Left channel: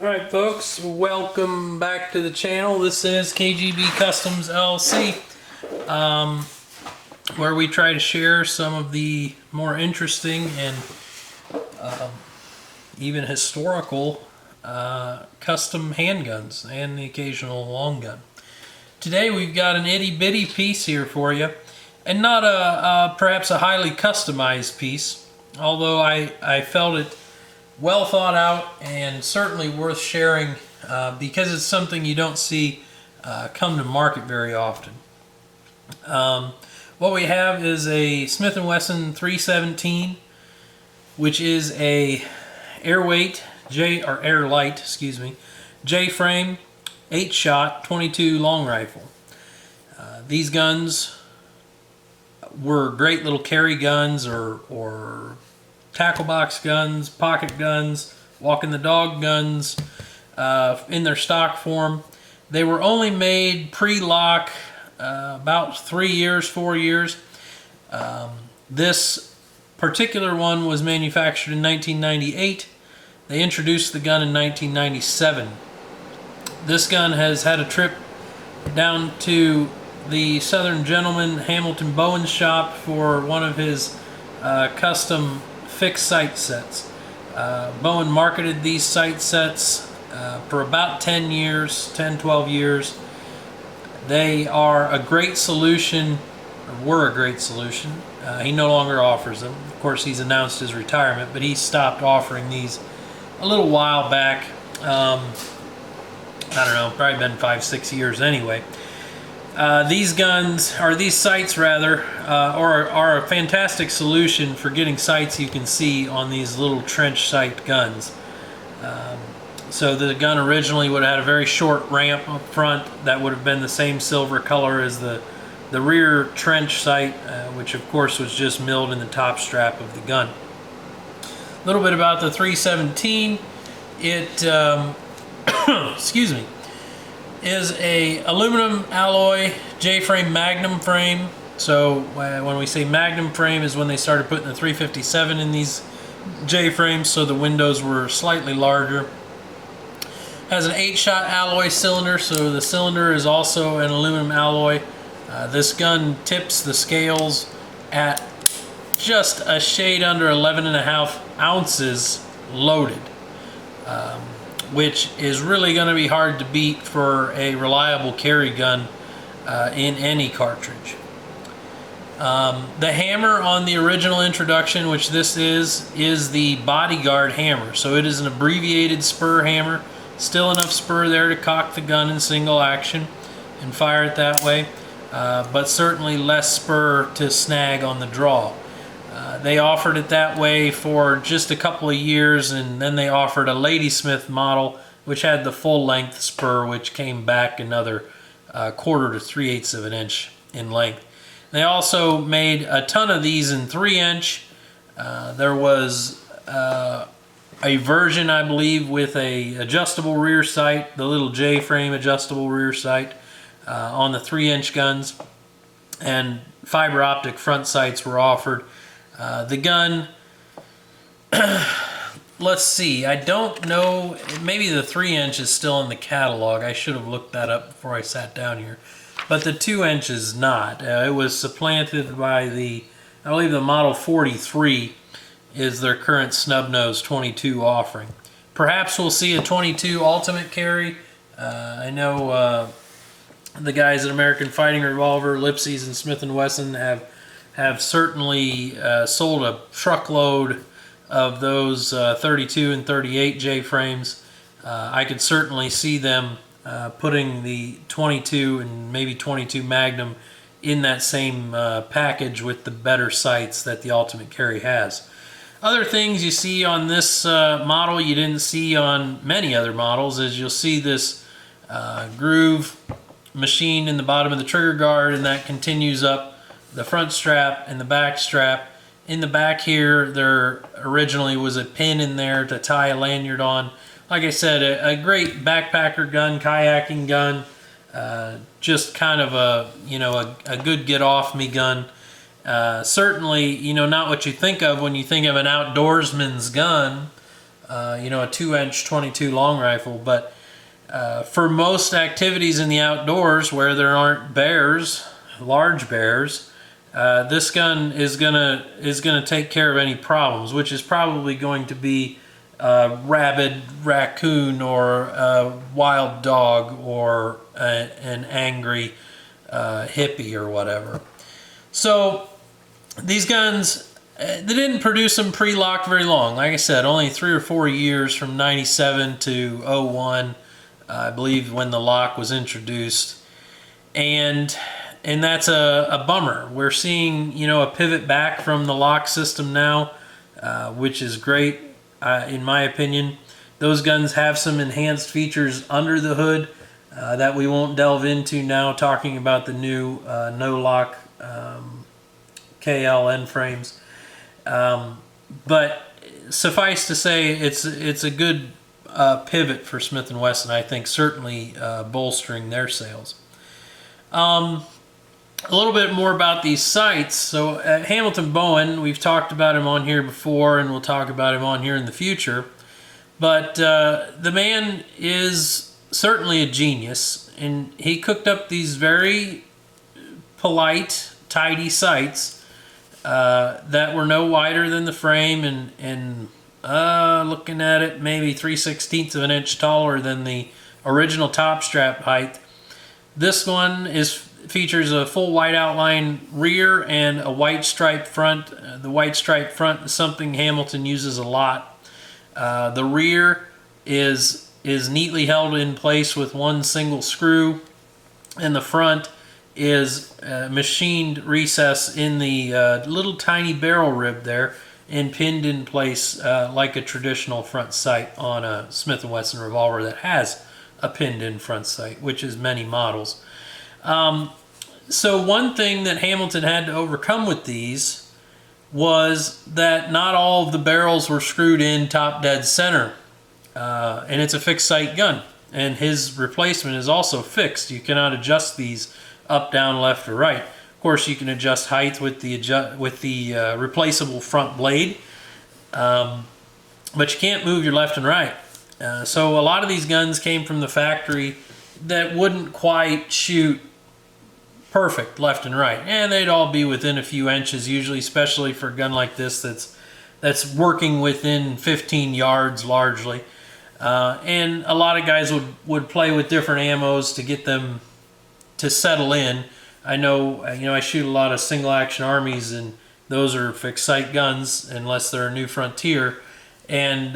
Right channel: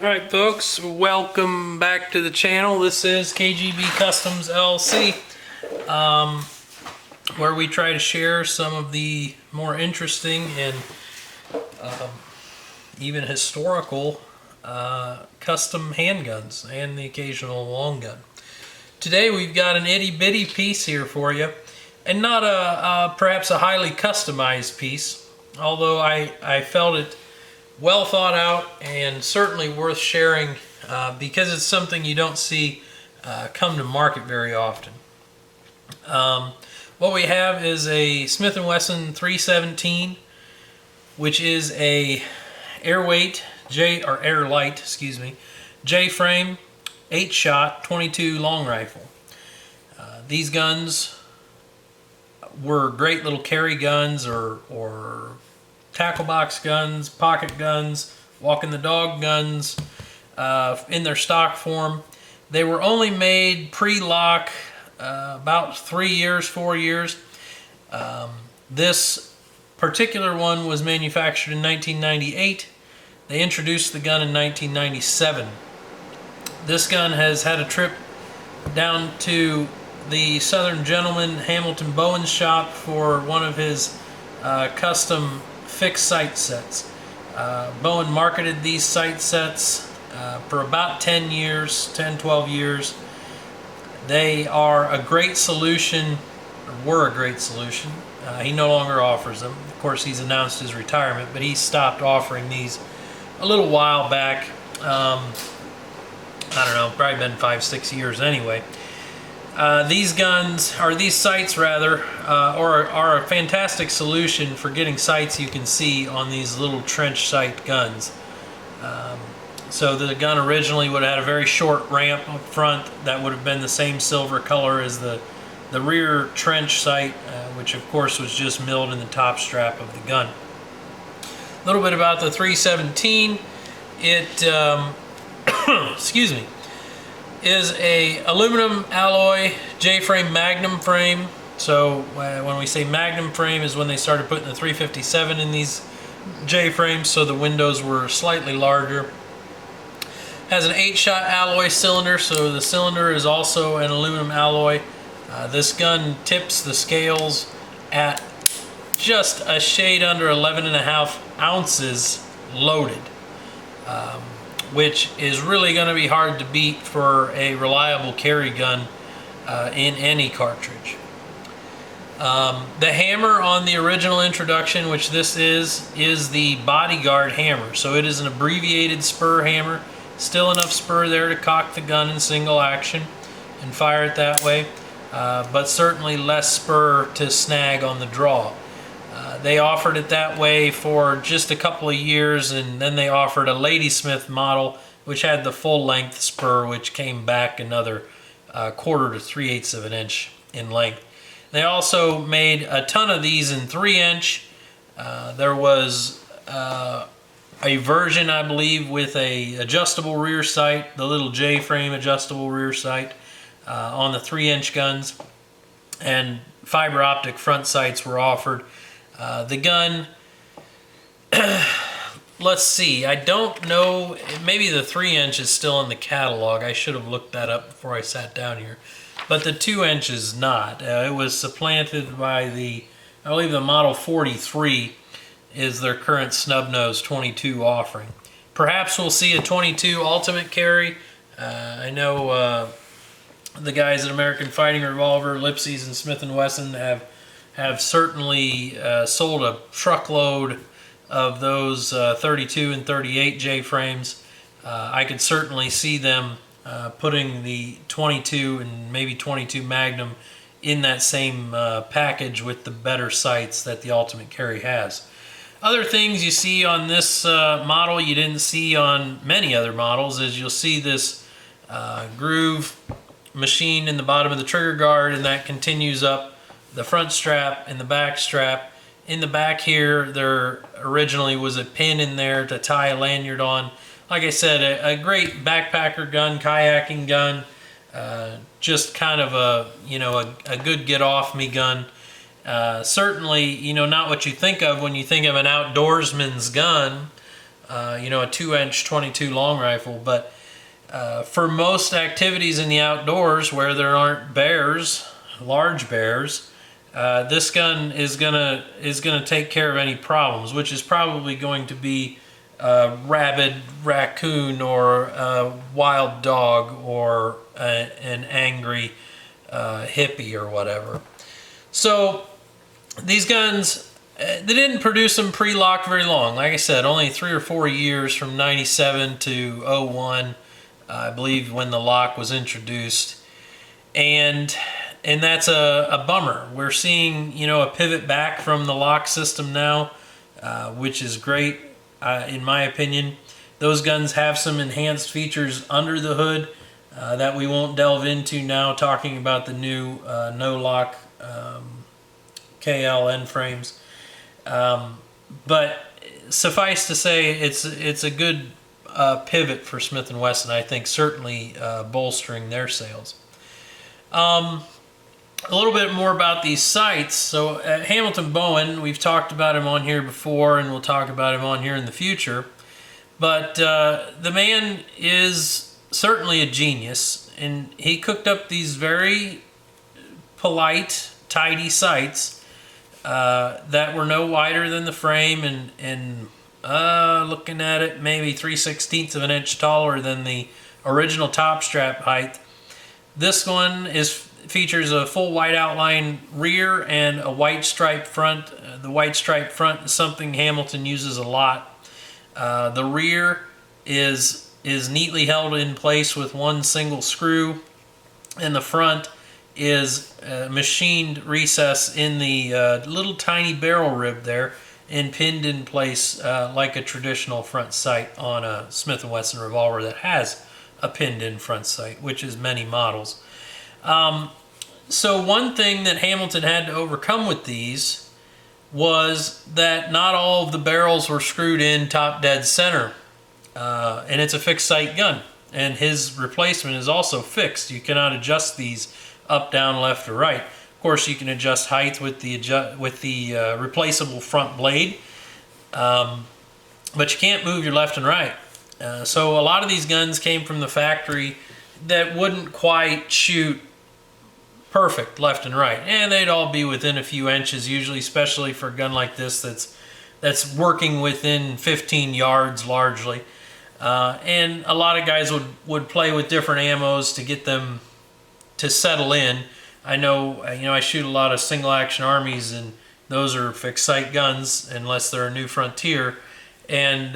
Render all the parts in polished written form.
Alright folks, welcome back to the channel. This is KGB Customs LLC, where we try to share some of the more interesting and even historical custom handguns and the occasional long gun. Today we've got an itty bitty piece here for you, and not perhaps a highly customized piece, although I felt it well thought out and certainly worth sharing because it's something you don't see come to market very often. What we have is a Smith & Wesson 317, which is a airlight, J-frame, 8-shot, 22 long rifle. These guns were great little carry guns or tackle box guns, pocket guns, walking the dog guns in their stock form. They were only made pre-lock about 3 years, 4 years. This particular one was manufactured in 1998. They introduced the gun in 1997. This gun has had a trip down to the Southern Gentleman Hamilton Bowen shop for one of his custom fixed sight sets. Bowen marketed these sight sets for about 10 years, 12 years. They are a great solution, or were a great solution. He no longer offers them. Of course, he's announced his retirement, but he stopped offering these a little while back. I don't know, probably been 5-6 years anyway. These guns, or these sights rather, are a fantastic solution for getting sights you can see on these little trench sight guns. So the gun originally would have had a very short ramp up front that would have been the same silver color as the rear trench sight, which of course was just milled in the top strap of the gun. A little bit about the 317. It, excuse me, is a aluminum alloy J-frame magnum frame. So when we say magnum frame is when they started putting the 357 in these J-frames, so the windows were slightly larger. Has an 8-shot alloy cylinder, so the cylinder is also an aluminum alloy. This gun tips the scales at just a shade under 11.5 ounces loaded. Which is really going to be hard to beat for a reliable carry gun in any cartridge. The hammer on the original introduction, which this is the Bodyguard hammer. So it is an abbreviated spur hammer. Still enough spur there to cock the gun in single action and fire it that way, but certainly less spur to snag on the draw. They offered it that way for just a couple of years, and then they offered a Ladysmith model which had the full length spur, which came back another 1/4 to 3/8 of an inch in length. They also made a ton of these in 3-inch. There was a version, I believe, with a adjustable rear sight, the little J-frame adjustable rear sight on the 3-inch guns, and fiber optic front sights were offered. The gun, let's see, I don't know, maybe the 3-inch is still in the catalog. I should have looked that up before I sat down here. But the 2-inch is not. It was supplanted by I believe the Model 43 is their current snub-nose 22 offering. Perhaps we'll see a 22 ultimate carry. I know the guys at American Fighting Revolver, Lipsey's, and Smith & Wesson have certainly sold a truckload of those 32 and 38 J-frames. I could certainly see them putting the 22 and maybe 22 Magnum in that same package with the better sights that the Ultimate Carry has. Other things you see on this model you didn't see on many other models is you'll see this groove machine in the bottom of the trigger guard, and that continues up the front strap and the back strap. In the back here, there originally was a pin in there to tie a lanyard on. Like I said, a great backpacker gun, kayaking gun, just kind of a good get off me gun. Certainly, not what you think of when you think of an outdoorsman's gun, you know, a 2-inch 22 long rifle. But for most activities in the outdoors where there aren't bears, large bears, this gun is gonna take care of any problems, which is probably going to be a rabid raccoon or a wild dog or an angry hippie or whatever. So these guns, they didn't produce them pre-lock very long. Like I said, only 3 or 4 years, from 97 to 01, I believe, when the lock was introduced. And that's a bummer. We're seeing, you know, a pivot back from the lock system now, which is great, in my opinion. Those guns have some enhanced features under the hood that we won't delve into now, talking about the new no-lock KL end frames. But suffice to say, it's a good pivot for Smith & Wesson, I think, certainly bolstering their sales. A little bit more about these sights. So Hamilton Bowen, we've talked about him on here before, and we'll talk about him on here in the future. But the man is certainly a genius, and he cooked up these very polite, tidy sights that were no wider than the frame, and looking at it, maybe 3/16 of an inch taller than the original top strap height. This one features a full white outline rear and a white stripe front. The white stripe front is something Hamilton uses a lot. The rear is neatly held in place with one single screw, and the front is machined recess in the little tiny barrel rib there and pinned in place like a traditional front sight on a Smith & Wesson revolver that has a pinned in front sight, which is many models. So one thing that Hamilton had to overcome with these was that not all of the barrels were screwed in top dead center. And it's a fixed sight gun, and his replacement is also fixed. You cannot adjust these up, down, left, or right. Of course, you can adjust height with the replaceable front blade, but you can't move your left and right. So a lot of these guns came from the factory that wouldn't quite shoot perfect left and right, and they'd all be within a few inches usually, especially for a gun like this that's working within 15 yards largely. And a lot of guys would play with different ammos to get them to settle in. I know, I shoot a lot of single action armies, and those are fixed sight guns unless they're a New Frontier, and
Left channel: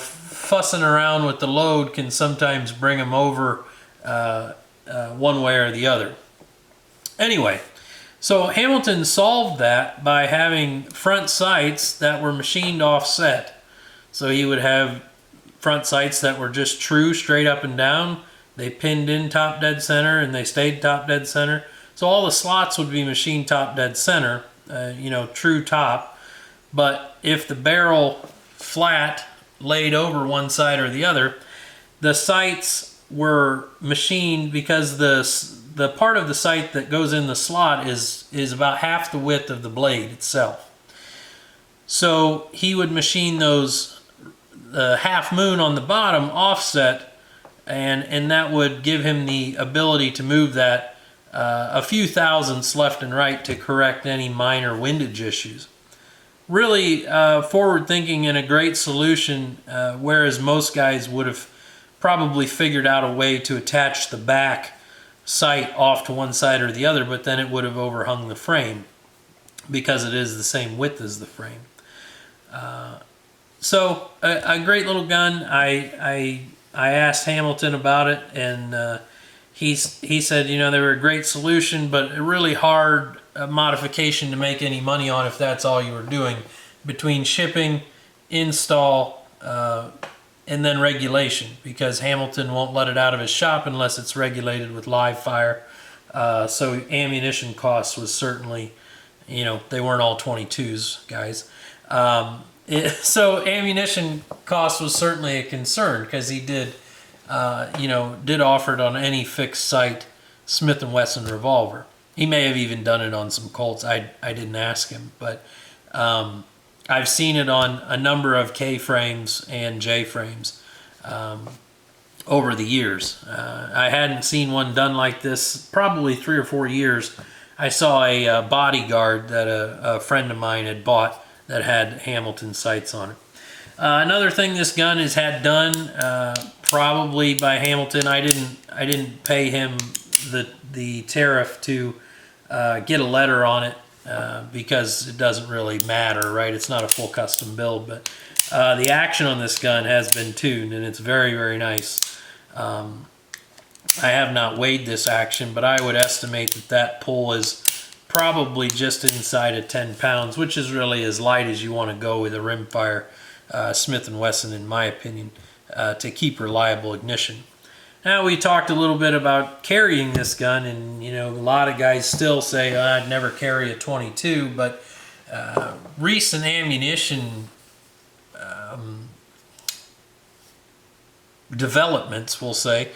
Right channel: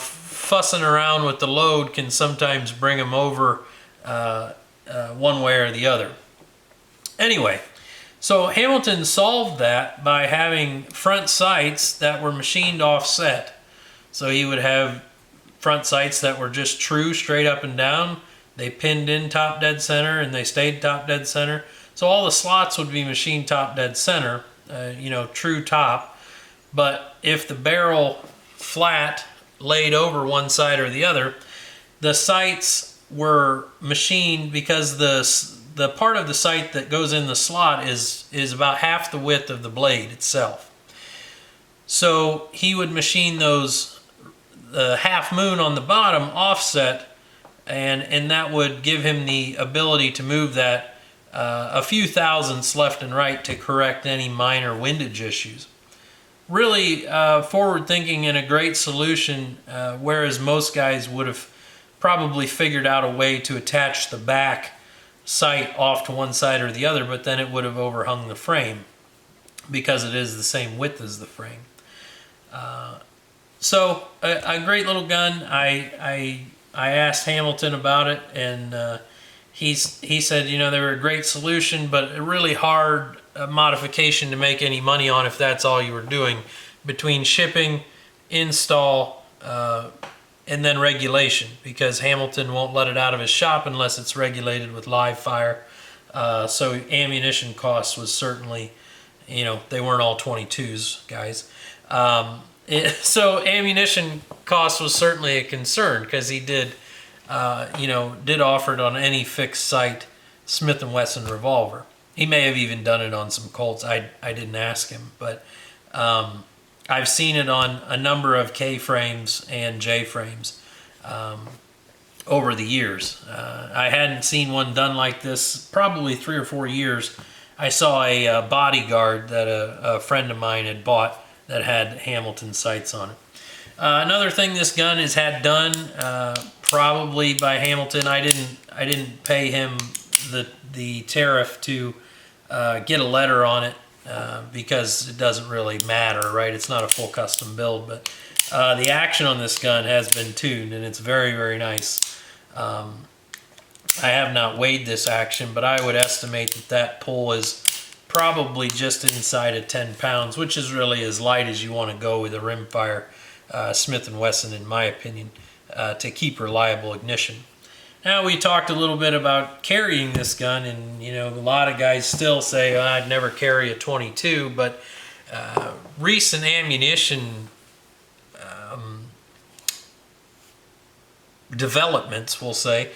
fussing around with the load can sometimes bring them over one way or the other. Anyway, so Hamilton solved that by having front sights that were machined offset. So he would have front sights that were just true, straight up and down. They pinned in top dead center, and they stayed top dead center. So all the slots would be machined top dead center, true top. But if the barrel flat laid over one side or the other, the sights were machined because the part of the sight that goes in the slot is about half the width of the blade itself. So he would machine those half moon on the bottom offset, and that would give him the ability to move that a few thousandths left and right to correct any minor windage issues. Really forward thinking and a great solution, whereas most guys would have probably figured out a way to attach the back sight off to one side or the other, but then it would have overhung the frame because it is the same width as the frame. So a great little gun. I asked Hamilton about it, and he said, they were a great solution, but a really hard modification to make any money on if that's all you were doing, between shipping, install, and then regulation, because Hamilton won't let it out of his shop unless it's regulated with live fire. So ammunition costs was certainly, they weren't all 22s, guys. So ammunition cost was certainly a concern, because he did offer it on any fixed sight Smith & Wesson revolver. He may have even done it on some Colts. I didn't ask him, but I I've seen it on a number of K frames and J frames over the years. I hadn't seen one done like this probably 3 or 4 years. I saw a bodyguard that a friend of mine had bought that had Hamilton sights on it. Another thing this gun has had done, probably by Hamilton. I didn't pay him the tariff to get a letter on it because it doesn't really matter, right? It's not a full custom build, but the action on this gun has been tuned, and it's very, very nice. I have not weighed this action, but I would estimate that pull is probably just inside of 10 pounds, which is really as light as you want to go with a rimfire Smith & Wesson, in my opinion, to keep reliable ignition. Now, we talked a little bit about carrying this gun, and a lot of guys still say, oh, I'd never carry a 22, but recent ammunition developments, we'll say,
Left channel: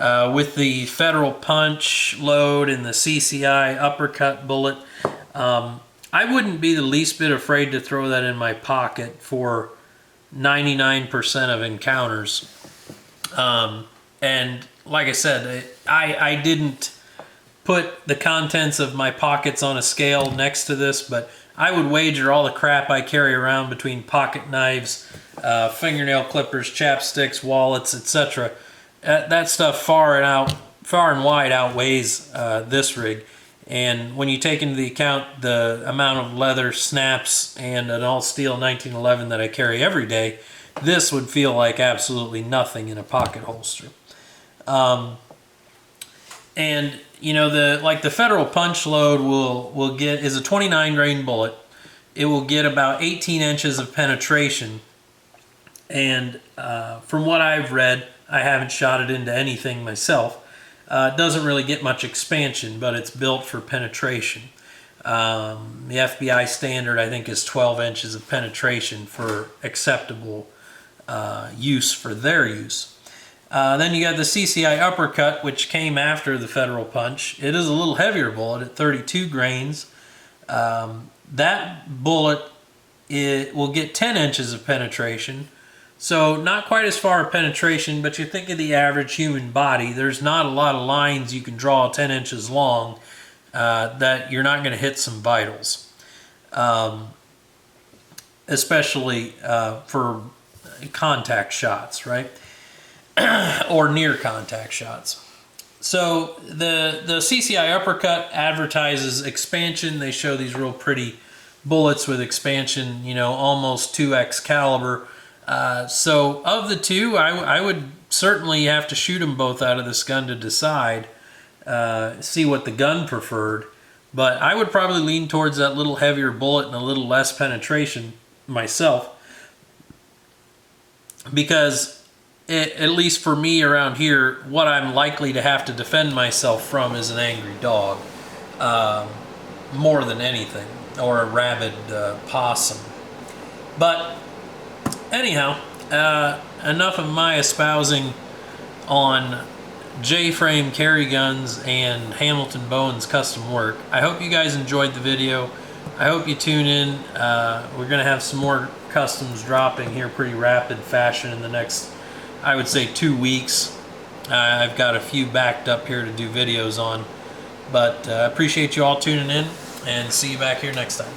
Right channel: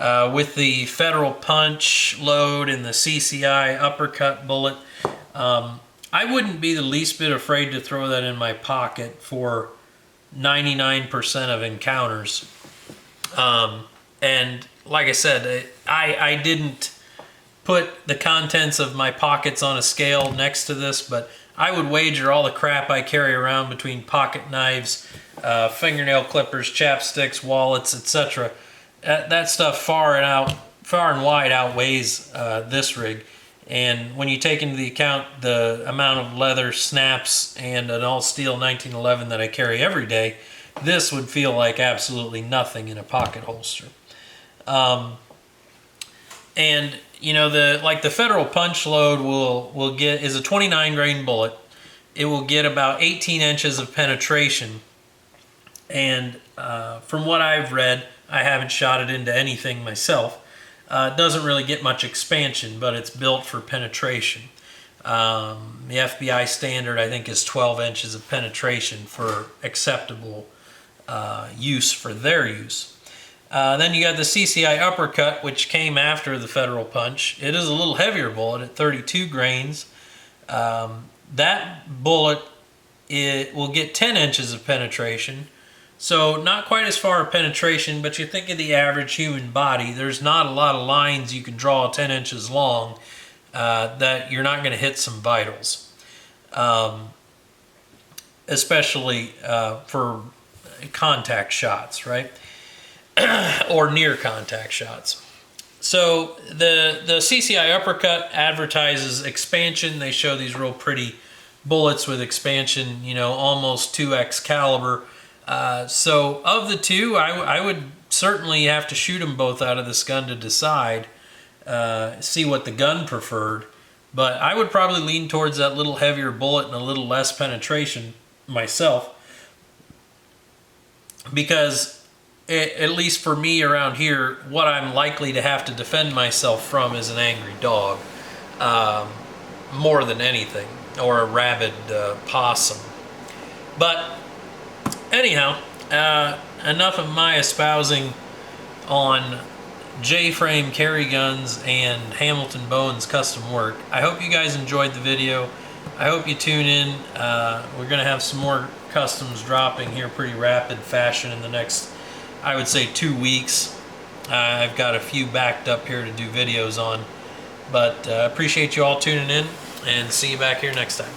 with the Federal Punch load and the CCI uppercut bullet, I wouldn't be the least bit afraid to throw that in my pocket for 99% of encounters. And like I said, I didn't put the contents of my pockets on a scale next to this, but I would wager all the crap I carry around between pocket knives, fingernail clippers, chapsticks, wallets, etc. That stuff far and wide outweighs this rig. And when you take into account the amount of leather snaps and an all-steel 1911 that I carry every day, this would feel like absolutely nothing in a pocket holster. And the Federal Punch load is a 29 grain bullet. It will get about 18 inches of penetration. And from what I've read, I haven't shot it into anything myself. It doesn't really get much expansion, but it's built for penetration. The FBI standard, I think, is 12 inches of penetration for acceptable use for their use. Then you got the CCI uppercut, which came after the Federal Punch. It is a little heavier bullet at 32 grains. That bullet, it will get 10 inches of penetration. So not quite as far of penetration, but you think of the average human body, there's not a lot of lines you can draw 10 inches long that you're not going to hit some vitals. Especially for contact shots, right? Or near contact shots. So the CCI uppercut advertises expansion. They show these real pretty bullets with expansion, almost 2x caliber. So of the two, I would certainly have to shoot them both out of this gun to decide, see what the gun preferred. But I would probably lean towards that little heavier bullet and a little less penetration myself, because at least for me around here, what I'm likely to have to defend myself from is an angry dog, more than anything, or a rabid possum. But anyhow, enough of my espousing on J-frame carry guns and Hamilton Bowen's custom work. I hope you guys enjoyed the video. I hope you tune in. We're going to have some more customs dropping here pretty rapid fashion in the next, I would say, 2 weeks. I've got a few backed up here to do videos on. But appreciate you all tuning in, and see you back here next time.